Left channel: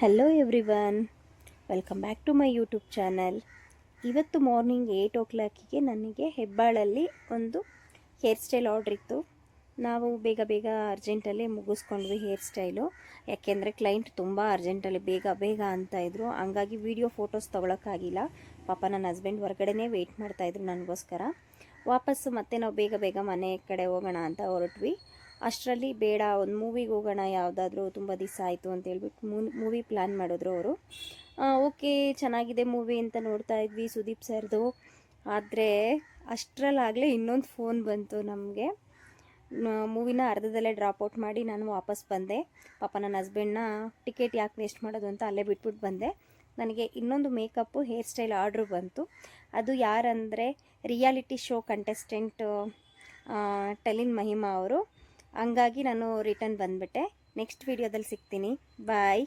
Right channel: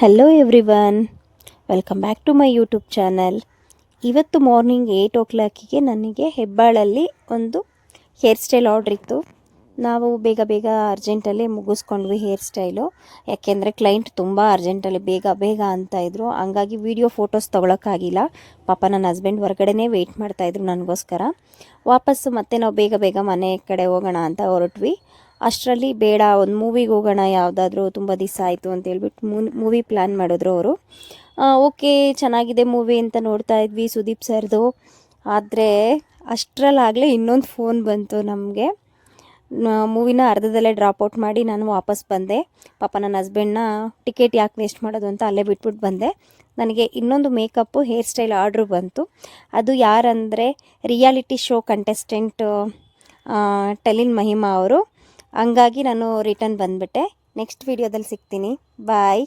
Hello everyone, welcome back to my YouTube channel. ಇವತ್ತು morning 8 o'clock ನನಗೆ ಹೆಬ್ಬಾಳಲ್ಲಿ ಒಂದು hair style order ಇತ್ತು. ನಾವು ಬೇಗ ಅರ್ಜೆಂಟಲ್ಲಿ ಮುಗಿಸ್ಕೊಂಡ್ವಿ ಹೇರ್ ಸ್ಟೈಲು. ಯಾಕೆಂದರೆ ಕ್ಲೈಂಟ್ ತುಂಬ ಅರ್ಜೆಂಟಲ್ಲಿ ಬೇಗ ಅಂತ ಇದ್ದರು. ಹಂಗಾಗಿ ವೀಡಿಯೋ ಫೋಟೋಸ್ ತೊಗೊಳಕ್ಕಾಗಿಲ್ಲ. ಪಾಪ ನನ್ನ ಹಸ್ಬೆಂಡ್ ಹೊರಗಡೆನೇ ವೆಯ್ಟ್ ಮಾಡ್ತಾಯಿದ್ರು ನನಗೋಸ್ಕರ. ವಾಪಸ್ಸು ಮತ್ತೆ ನಾವು ಬೇಗ ಮನೆ ಕಡೆ ಹೋಗೋಣ ಅಂತ ಹೊರಟ್ವಿ. ಅಷ್ಟರಲ್ಲಿ ಬೇಡ, ಒಂದು ಮೂವಿಗೆ ಹೋಗೋಣ, ಯಾವುದಾದ್ರೂ ತುಂಬ ದಿವಸ ಆಯಿತು ಅಂತೇಳ್ಬಿಟ್ಟು ಮೂವಿ ಪ್ಲ್ಯಾನ್ ಮಾಡಿದ್ರು ಅವರು. ಓಕೆ, ಚೆನ್ನಾಗಿದೆ ಮೂವಿ ಅಂತ ನೋಡ್ತಾ ಇದ್ವಿ ಸುದೀಪ್ ಸರ್ದು. ಆದರೆ ಅಷ್ಟರಲ್ಲಾಗಲೇ ಇನ್ನೊಂದು ಫೋನ್ ಬಂತು ನಮಗೆ. ಮೂವಿನ ಅರ್ಧದಲ್ಲೇ ಡ್ರಾಪ್ಔಟ್ ಮಾಡಿ ನಾನು ವಾಪಸ್ ಬಂದೆ. ಪಾಪ ನನ್ನ ಹಸ್ಬೆಂಡ್ನ ಟಿಕೆಟ್ ಯಾಕೆ ವೇಸ್ಟ್ ಮಾಡೋದು ಅಂತ ಅಲ್ಲೇ ಬಿಟ್ಬಿಟ್ಟು ಬಂದೆ. ನನಗೆ ಇನ್ನೊಂದು ಮೇಕಪ್ಪು ಹೇರ್ ಸ್ಟೈಲ್ ಆರ್ಡ್ರು ಬಂತು. ಅದು ಯಾರಂದರೆ ರಿಯಾಲಿಟಿ ಶೋ ಕಂಟೆಸ್ಟೆಂಟ್ ಟೆಲಿನ್ ಮಹಿಮಾ ಅವರು. ಹಂಗಾಗಿ ನಾನು ರಿಟರ್ನ್ ಬಂದುಬಿಟ್ಟೆ. ನೆಕ್ಸ್ಟ್ ವೀಡಿಯೋದಲ್ಲಿ ಸಿಗ್ತೀನಿ. ಬಾಯ್.